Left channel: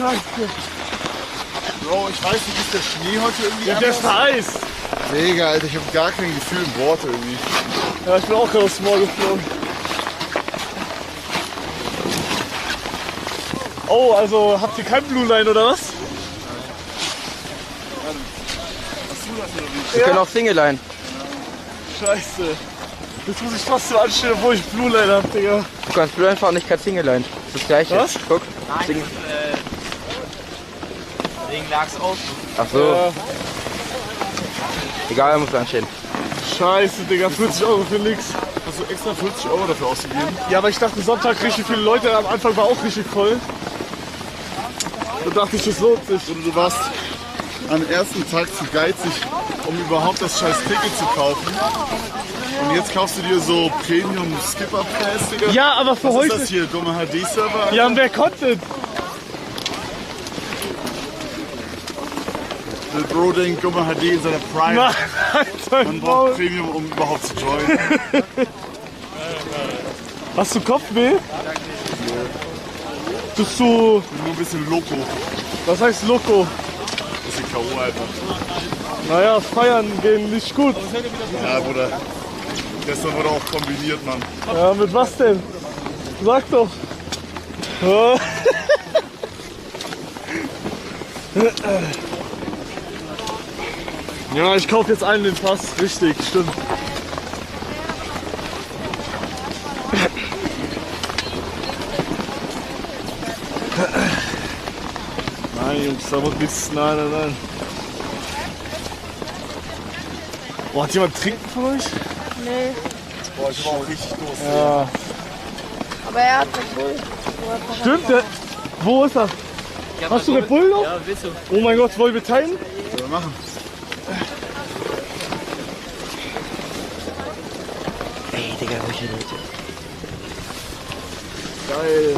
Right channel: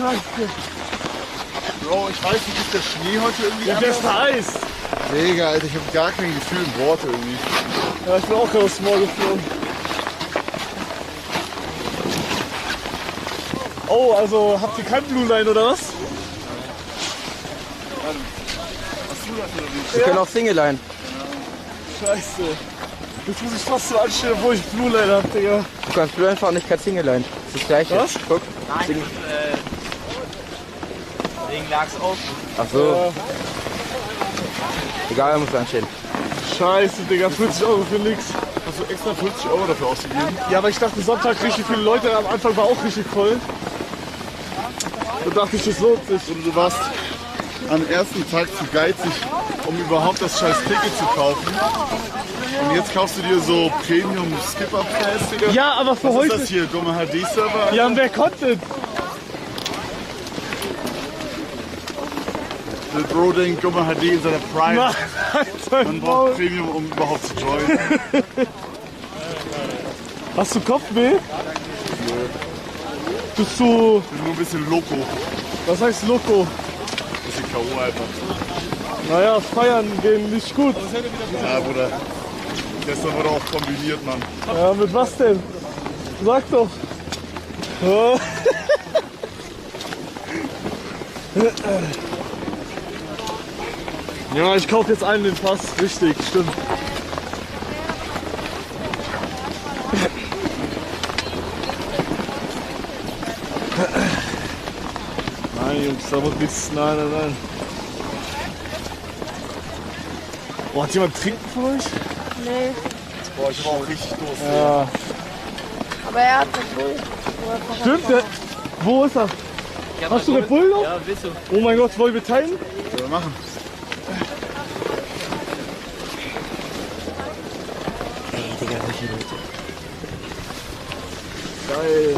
Scheiße. Bro, ich weiß nicht, ist der Schnee heute irgendwie Ja, der ist heiß. Mega, Alter, ich habe gar kein Gefühl im Wort irgendwie. Ja, ich bin auch gerade aufs Maul geflogen. Oh, also habt ihr kein Blue Line oder was? Wir können auch Single Line. Scheiße. Jetzt muss ich fast so anstellen, obwohl ich Blue Line hab, Digga. Du kannst Blue Line fahren, nicht kein Single Line. Das ist das gleiche. Was? Guck. Nein, deswegen lag's aus. Ach so. Ja. Egal, er muss anstehen. Scheiße, Digga, 40 € für nix. Hast du extra 40 € dafür ausgegeben? Ja, aber ich dachte, Sonntag richtig viele Leute, am Anfang war auch richtig voll. Da dachte ich, das lohnt sich. Oder du warst am ersten Tag zu geizig, um überhaupt das scheiß Ticket zu kaufen. Und jetzt kaufst du dir so Premium Skipper Pass, Digga. Ja, aber für Was heute. ist das hier? Dumme HD-Server? Ja, und wer konnte? Der Bro denkt, Dumme HD in seiner Prime. Nein, Man braucht Premium, um überhaupt zu joinen. Hast du Kopfweh? Bist du, Nur ein bisschen Loco. was heißt Loco? Bisschen K.O. einfach. Naja, feiern gehen nicht gut. Ja, Bruder. Gestern wurde auch kombiniert, Mann. Ja, mit was denn? Sag doch. Ja. Ja, ich kaufe jetzt einen den Pass. Richtig, stimmt. Nein, Jungs, da wird nichts. Nein, nein, nein. Boah, hat jemand trinken von euch? Nee, Boah, ich war auch richtig doof. Ja. aber er hat Red Bull. Stimmt, der, wo ist er? Hast du Red Bull noch? Ja, willst du? Oh mein Gott, wollen wir teilen? Was soll er machen? Ey, Digga, welche Leute. Geil.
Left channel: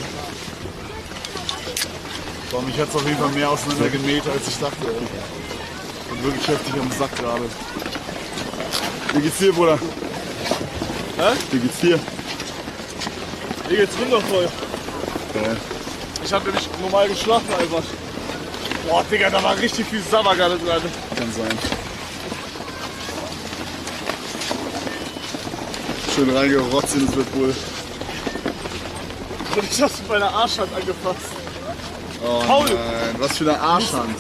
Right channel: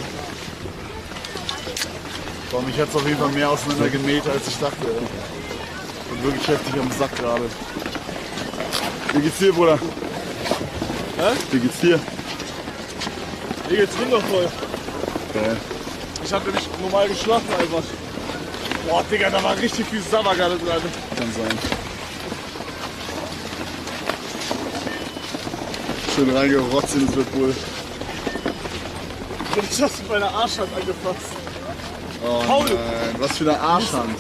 Boah, mich hat es auf jeden Fall mehr auseinander gemäht, als ich dachte. Ey. Bin wirklich heftig am Sack gerade. Wie geht's dir, Bruder? Hä? Wie geht's dir? Mir geht's wundervoll. Geil. Ich hab nämlich normal geschlafen einfach. Boah, Digga, da war richtig viel Sabber gerade dran. Kann sein. Schön reingerotzt in das Red Bull. Ich hab's mit meiner Arschhand angefasst. Oh Paul! nein, was für eine Arschhand.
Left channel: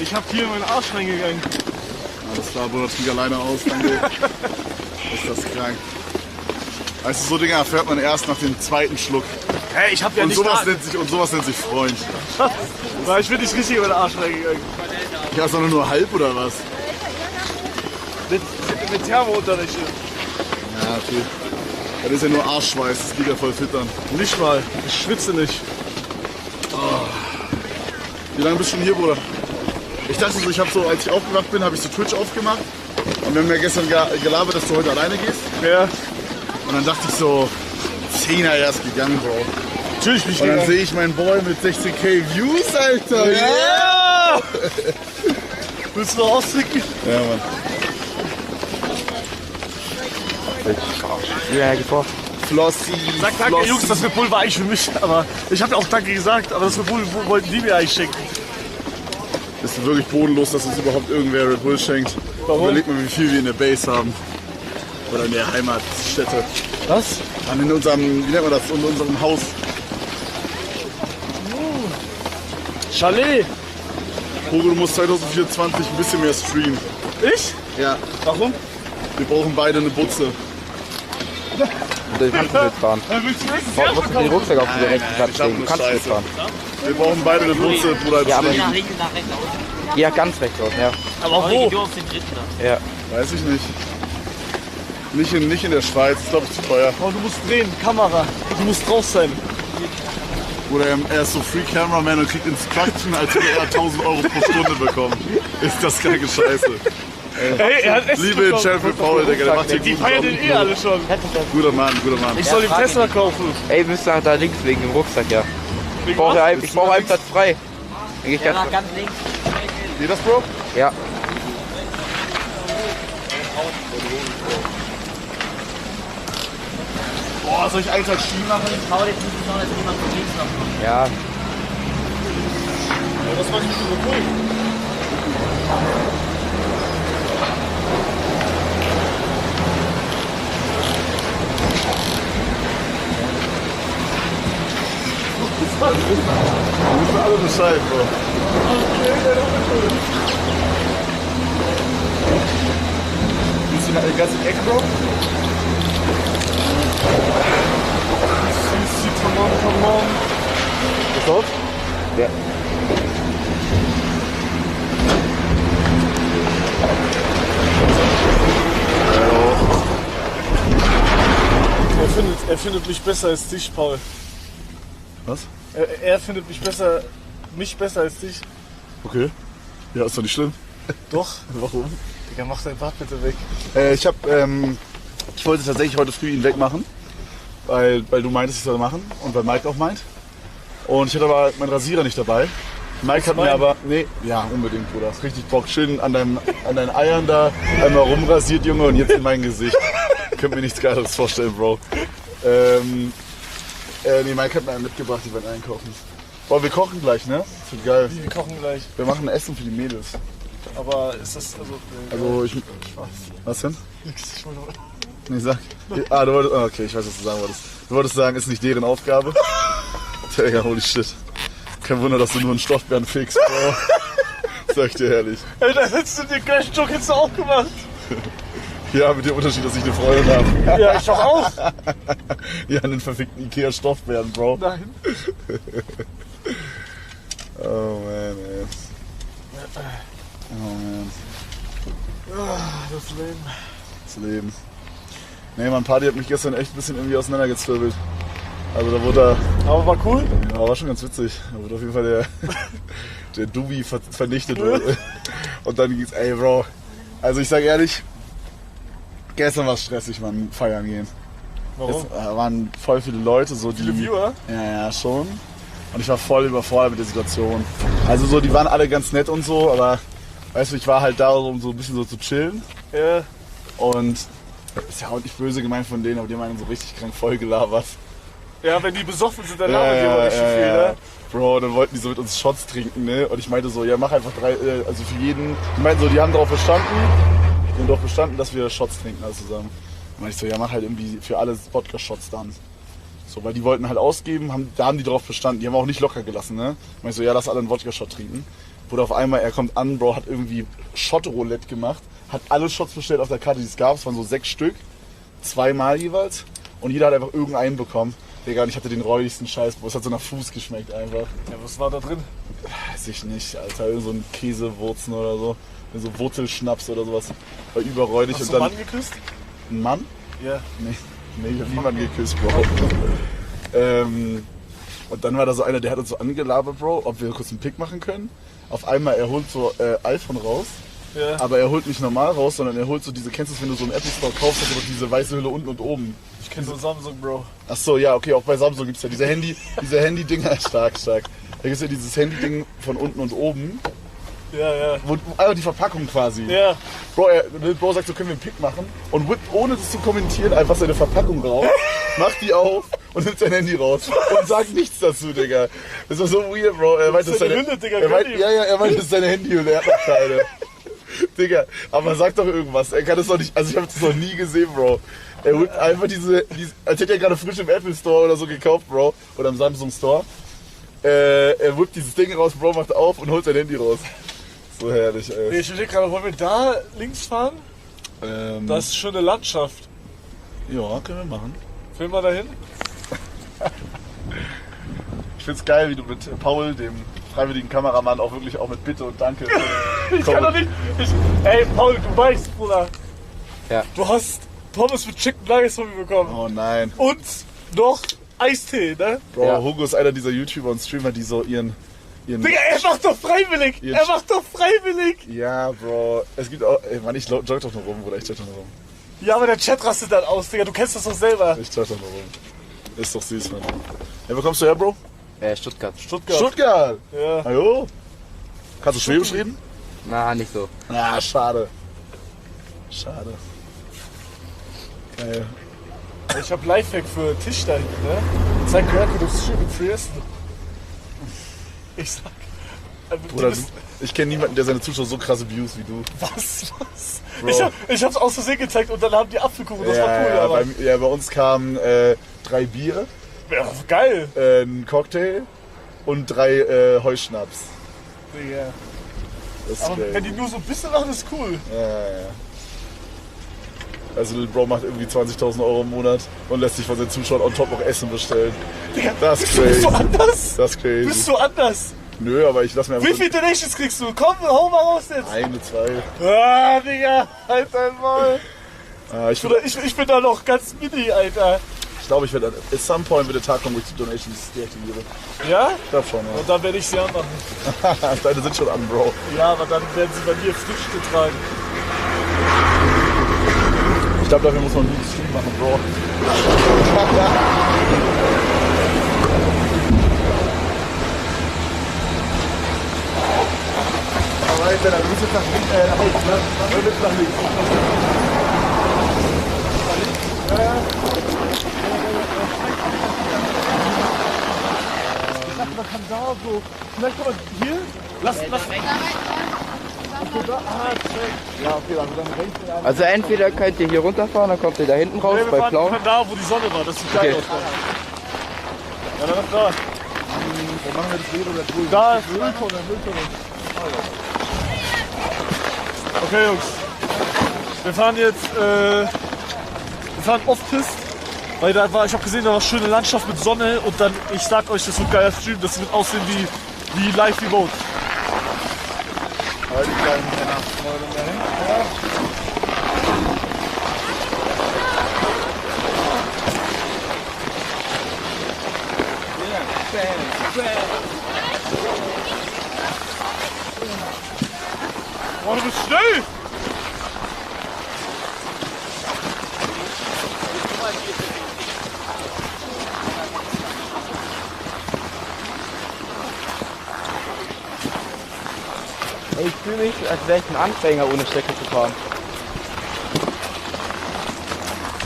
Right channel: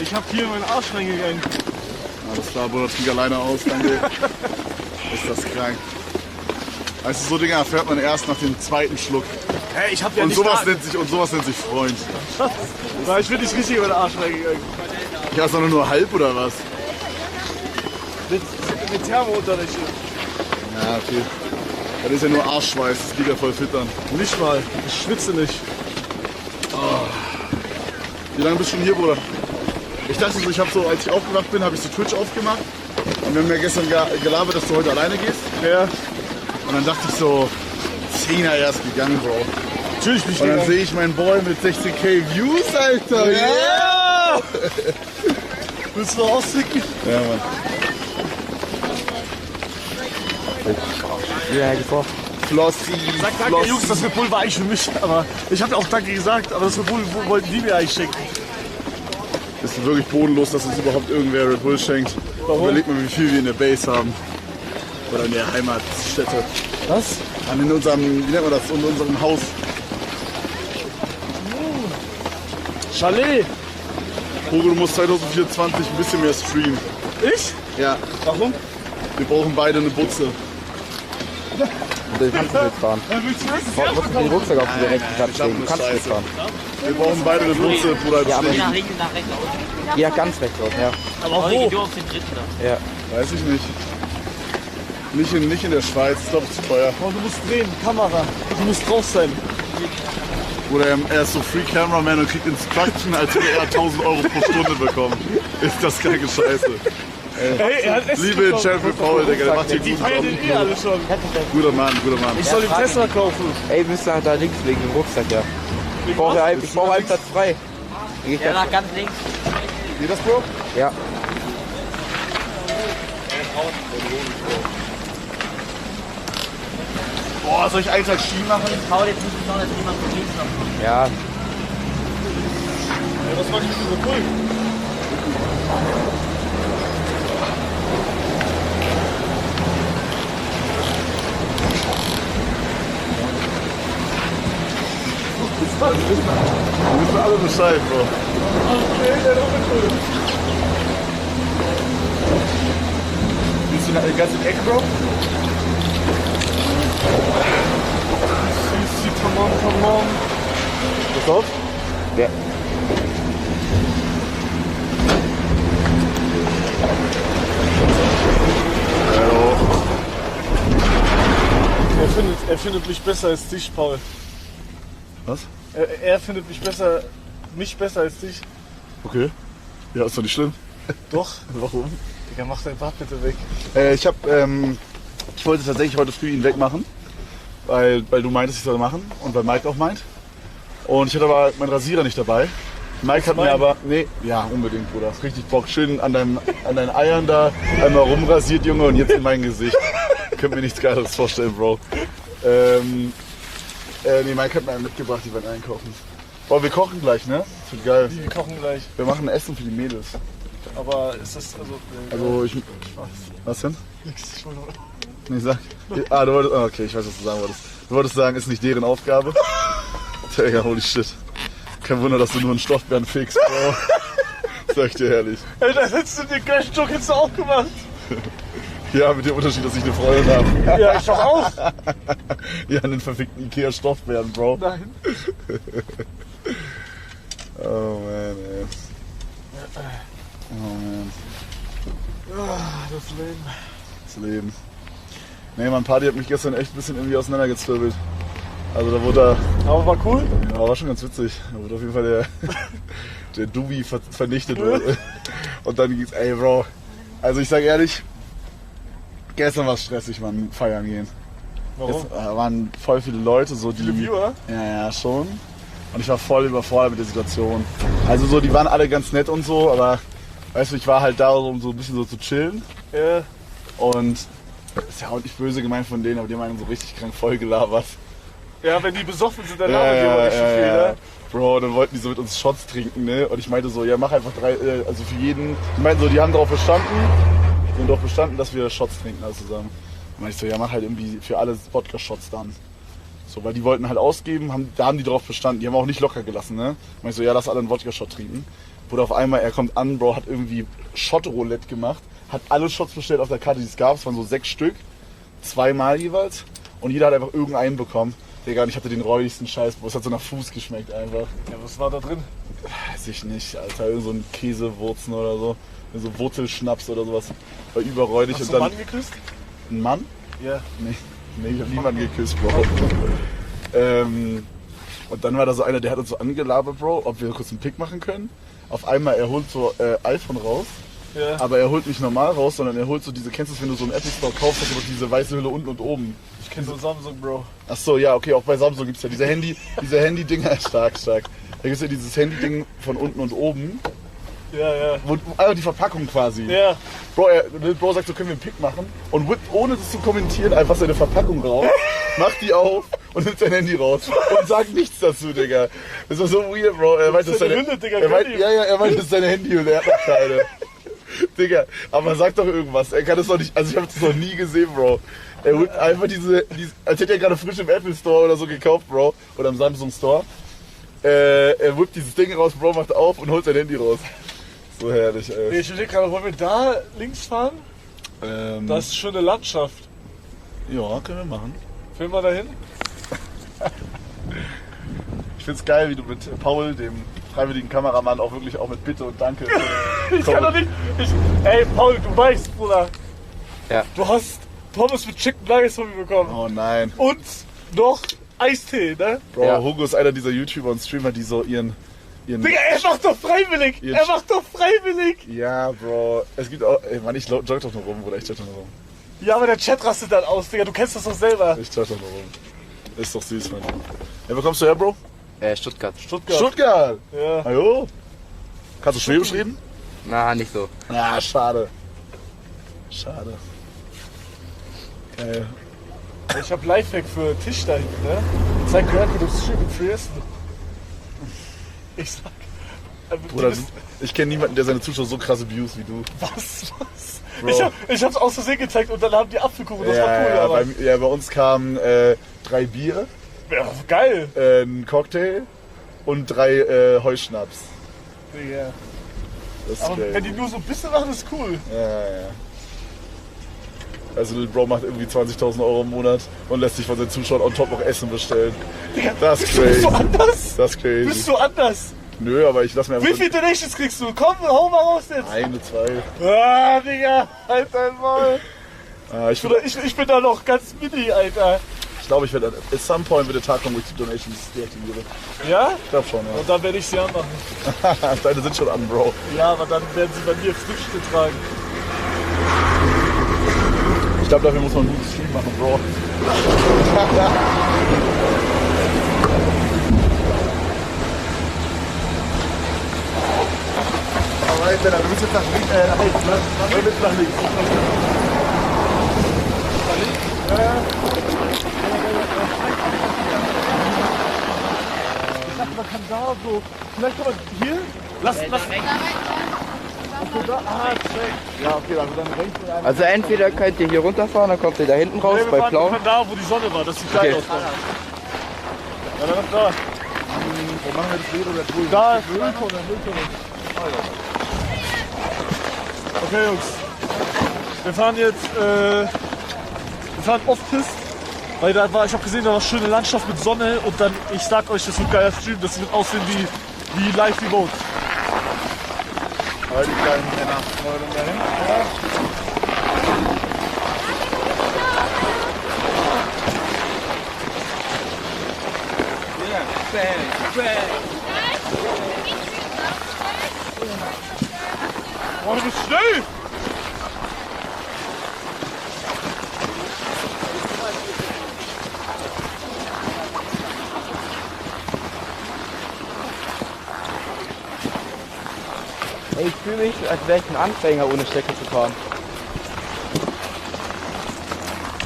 Ich hab hier in meinen Arsch reingegangen. Alles klar, Bruder, flieg alleine aus, danke. Ist das krank. Weißt du, so Dinger erfährt man erst nach dem zweiten Schluck. Hey, ich hab ja Und nicht sowas nennt sich Freund. Nein, ich bin nicht richtig in meinen Arsch reingegangen. Ja, sondern nur halb oder was? Mit Thermounterricht. Ja, okay. Das ist ja nur Arschschweiß, das geht ja voll fit an. Nicht mal. Ich schwitze nicht. Wie lange bist du schon hier, Bruder? Ich dachte so, als ich aufgewacht bin, habe ich so Twitch aufgemacht. Und wir haben ja gestern gelabert, dass du heute alleine gehst. Ja. Und dann dachte ich so, 10er erst gegangen, Bro. Natürlich bin ich Und dann gegangen. sehe ich meinen Boy mit 16k Views, Alter. Ja! Willst du noch austrinken? Ja, Mann. Ja, vor. Flossi. Sag danke, Jungs, das Red Bull war eigentlich für mich. Aber ich habe ja auch danke gesagt, aber das Red Bull wollten die mir eigentlich schenken. Ist wirklich bodenlos, dass uns überhaupt irgendwer Red Bull schenkt. Warum? Überleg mal, wie viel wir in der Base haben. Oder in der Heimatstätte. Was? In unserem, wie nennt man das, in unserem Haus. Chalet. Hugo, du musst 2024 ein bisschen mehr streamen. Ich? Ja, Warum? wir brauchen beide eine Butze. Und dann kannst du mitfahren. Dann willst du nächstes Du Jahr musst den Rucksack auf den rechten Platz ich hab legen. Du eine kannst Scheiße. mitfahren. Wir brauchen beide eine Butze, Bruder. Ja, aber- Geh nach links, nach rechts aus. Ja, ganz rechts raus, ja. Aber Aber wo? geh du auf den dritten da. Ja. Weiß ich nicht. Nicht in der Schweiz, ich glaube, es ist zu teuer. Oh, du musst drehen, Kamera. Du musst drauf sein. Oder er ist so Free Cameraman und kriegt Instruction, als würde er 1000 € pro Stunde bekommen. Ist das kranke Scheiße. Ey, er hat Essen Liebe bekommen. Sheriff Paul, Digga, der macht hier Die guten feiern Job. den eh alle schon. Guter Mann, guter Mann. Ich soll den Tesla kaufen. Ey, wir müssen da links legen, im Rucksack, ja. Ich brauche einen Platz frei. Dann geh ich Ja, ganz nach ganz links. Geht das, Bro? Ja. Boah, soll ich einen Tag Ski machen? Paul, jetzt muss ich noch, dass jemand von links noch kommt. Ja. Was mach ich mit dem Pulk? Wir wissen alle Bescheid, Bro. Siehst du noch den ganzen Eck, Bro? Come on. Gekauft? Ja. Er findet mich besser als dich, Paul. Was? Er findet mich besser als dich. Okay. Ja, ist doch nicht schlimm. Doch. Warum? Digga, mach dein Bart bitte weg. Ich wollte tatsächlich heute früh ihn wegmachen, weil du meintest, ich soll machen und weil Mike auch meint. Und ich hatte aber meinen Rasierer nicht dabei. Mike hat mir aber, nee, ja unbedingt, Bruder. Richtig Bock, schön an deinen Eiern da einmal rumrasiert, Junge, und jetzt in mein Gesicht. Könnt mir nichts Geiles vorstellen, Bro. Nee, Mike hat mir einen mitgebracht, die werden einkaufen. Boah, wir kochen gleich, ne? Das wird geil. Wir kochen gleich. Wir machen Essen für die Mädels. Aber ist das, Was denn? Nix, ich wollte nur... Nee, sag. Du wolltest, okay, ich weiß, was du sagen wolltest. Du wolltest sagen, ist nicht deren Aufgabe. Digga, holy shit. Kein Wunder, dass du nur einen Stoffbären fixst, Bro. Sag ich dir ehrlich. Ey, da hättest du den gleichen Joke jetzt auch gemacht. Ja, mit dem Unterschied, dass ich eine Freundin habe. Ja, ich doch auch. Ja, einen verfickten Ikea-Stoffbären, Bro. Nein. Oh man, ey. Oh man. Das Leben. Das Leben. Nee, mein Party hat mich gestern echt ein bisschen irgendwie auseinandergezwirbelt. Also da wurde Aber war cool. Ja, war schon ganz witzig. Da wurde auf jeden Fall der Dubi vernichtet. Und dann ging's, ey Bro. Also ich sag ehrlich, gestern war es stressig, man, feiern gehen. Warum? Es waren voll viele Leute, so die... Viele Viewer? Ja, schon. Und ich war voll überfordert mit der Situation. Also so, die waren alle ganz nett und so, aber weißt du, ich war halt da, um so ein bisschen so zu chillen. Ja. Und das ist ja auch nicht böse gemeint von denen, aber die haben einen so richtig krank voll gelabert. Ja, wenn die besoffen sind, dann labern die aber nicht so viel, ne? Bro, dann wollten die so mit uns Shots trinken, ne? Und ich meinte so, ja, mach einfach 3, also für jeden. Die meinten so, die haben darauf bestanden, dass wir Shots trinken alle zusammen. Und meinte ich so, ja, mach halt irgendwie für alle Wodka-Shots dann. So, weil die wollten halt ausgeben, da haben die drauf bestanden. Die haben auch nicht locker gelassen, ne? Meinte ich so, ja, lass alle einen Wodka-Shot trinken. Wurde auf einmal, er kommt an, Bro, hat irgendwie Shot-Roulette gemacht, hat alle Shots bestellt auf der Karte, die es gab. Es waren so 6 Stück, 2-mal jeweils. Und jeder hat einfach irgendeinen bekommen. Digga, und ich hatte den räudigsten Scheiß, Bro. Es hat so nach Fuß geschmeckt einfach. Ja, was war da drin? Weiß ich nicht, Alter. Irgend so ein Käsewurzen oder so. So Wurzelschnaps oder sowas. War überräudig. Hast und du dann einen Mann geküsst? Ein Mann? Ja. Nee, ich hab niemanden geküsst, Bro. Und dann war da so einer, der hat uns so angelabert, Bro, ob wir kurz einen Pick machen können. Auf einmal, er holt so iPhone raus. Ja. Aber er holt nicht normal raus, sondern er holt so diese, kennst du es, wenn du so einen Apple Store kaufst, hast du diese weiße Hülle unten und oben. Ich kenn so Samsung, Bro. Ach so, ja, okay, auch bei Samsung gibt's ja diese Handy-Dinger, stark. Da gibt's ja dieses Handy-Ding von unten und oben. Ja. Also die Verpackung quasi. Ja. Bro sagt so, können wir einen Pick machen? Und whippt, ohne das zu kommentieren, einfach seine Verpackung raus, macht die auf und nimmt sein Handy raus und sagt nichts dazu, Digga. Das war so weird, Bro. Er meinte, das ist seine Hülle, Digga, er meinte, das ist seine Handyhülle, er hat noch keine. Digga, aber sag doch irgendwas. Er kann das doch nicht, also ich habe das noch nie gesehen, Bro. Er whippt einfach diese, als hätte er gerade frisch im Apple Store oder so gekauft, Bro. Oder im Samsung Store. Er whippt dieses Ding raus, Bro, macht auf und holt sein Handy raus. So herrlich, ey. Ich überlege gerade, wollen wir da links fahren? Das ist schon eine Landschaft. Ja, können wir machen. Film mal dahin. Ich find's geil, wie du mit Paul, dem freiwilligen Kameramann, auch wirklich auch mit Bitte und Danke. Ich kann doch nicht. Ey, Paul, du weißt, Bruder. Ja. Du hast Pommes mit Chicken Nuggets von mir bekommen. Oh nein. Und noch Eistee, ne? Bro, Ja. Hugo ist einer dieser YouTuber und Streamer, die so ihren Digga, er macht doch freiwillig! Jetzt- Er macht doch freiwillig! Ja, Bro. Es gibt auch. Ey, Mann, ich jogge doch noch rum, Bruder. Ich jogge doch noch rum. Ja, aber der Chat rastet dann aus, Digga. Du kennst das doch selber. Ich jogge doch noch rum. Ist doch süß, Mann. Ja, wo kommst du her, Bro? Stuttgart. Stuttgart. Stuttgart! Ja. Hallo? Kannst du Schwäbisch reden? Na, nicht so. Ah, schade. Schade. Geil. Ich hab Lifehack für Tisch da hinten, ne? Zeig Jörg, wie du Schwäbisch frierst. Ich sag, Bruder, ich kenne niemanden, der seine Zuschauer so krass abuse wie du. Was? Bro. Ich hab's aus Versehen gezeigt und dann haben die Apfelkuchen, das war cool. Ja, Aber bei uns kamen 3 Bier, ja, geil. ein Cocktail und 3 Heuschnaps. Ja. Das ist Aber geil. wenn die nur so ein bisschen machen, ist cool. Ja. Also Lil Bro macht irgendwie 20.000 Euro im Monat und lässt sich von seinen Zuschauern on top noch Essen bestellen. Digga, Das ist bist crazy. du anders? Das ist crazy. Bist du anders? Nö, aber ich lass mir einfach... Wie viele Donations kriegst du? Komm, hau mal raus jetzt. 1, 2. Ah, Digga, halt dein Maul. Ich Bruder, ich bin da noch ganz mini, Alter. glaube, ich werde at some point wird der Tag kommen, wo ich die Donations deaktiviere. Ja? Ich glaube schon, Und dann werde ich sie anmachen. ja. Deine sind schon an, Bro. Ja, aber dann werden sie bei mir Früchte tragen. Ich glaube, dafür muss man einen Stream machen, Bro. Alright, dann du bist jetzt nach links, nach rechts, ne? Du bist nach links. Ich dachte, man kann da so. Vielleicht kann man hier. Lass. Ja, okay, also dann rechts in einem. Also entweder könnt ihr hier runterfahren, dann kommt ihr da hinten raus Wir bei fahren Blau. da, wo die Sonne war. Das sieht geil Okay. aus. Ja, dann da. Dann machen wir das Rot oder Grün. Da ist Mülltonne. Okay, Jungs. Wir fahren jetzt, wir fahren Off-Pist, weil da war, ich habe gesehen, da war schöne Landschaft mit Sonne und dann, ich sag euch, das wird ein geiler Stream, das wird aussehen wie live remote. Aber die kleinen Männer wollen dahin. Boah, du bist schnell! Ey, ich fühle mich, als wäre ich ein Anfänger, ohne Strecke zu fahren.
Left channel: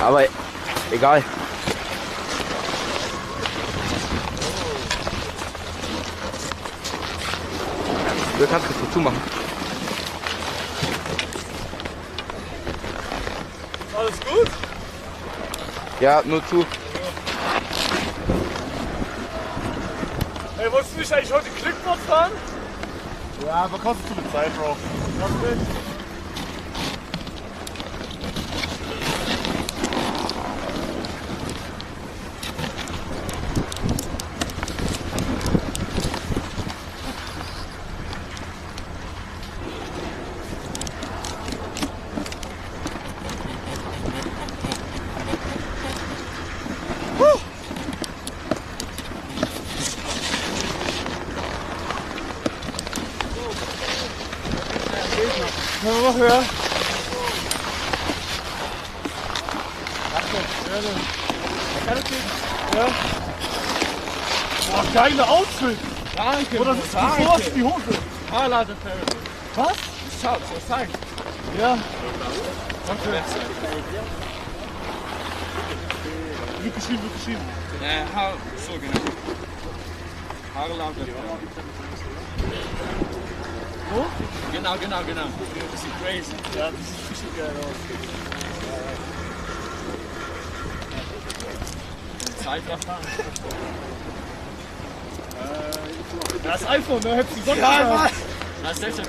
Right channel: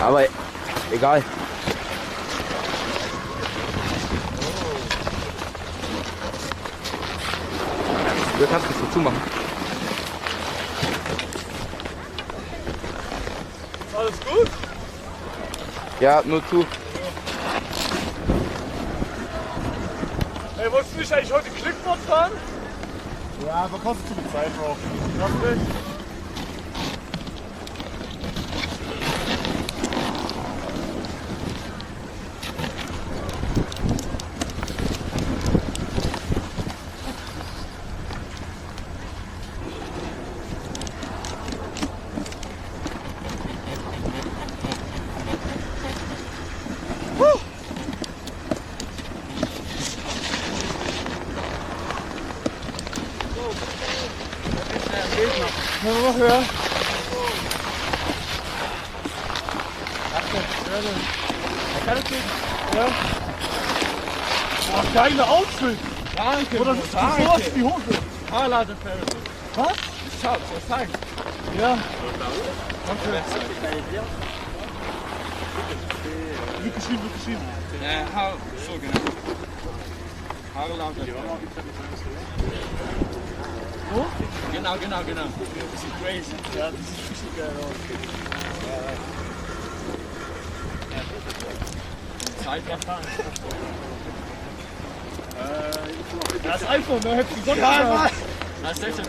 Aber egal. Du kannst es so zumachen. Alles gut? Ja, nur zu. Ey, wolltest du nicht eigentlich heute Clickbot fahren? Ja, aber kostet zu viel Zeit, Bro. Was nicht? Ja, mach ja. Ja. Boah, geile Outfit. Danke, Oder sieht so aus wie die Hose. Haarladefeld. Was? Schau, so zeig. Ja. Danke. Wird geschrieben. Haar, so genau. Haarladefeld. So? Genau. Das ist crazy. Ja, das sieht richtig geil aus. Zeit erfahren. Das iPhone, ne? Hättest du sonst Ja, Mann! Das ist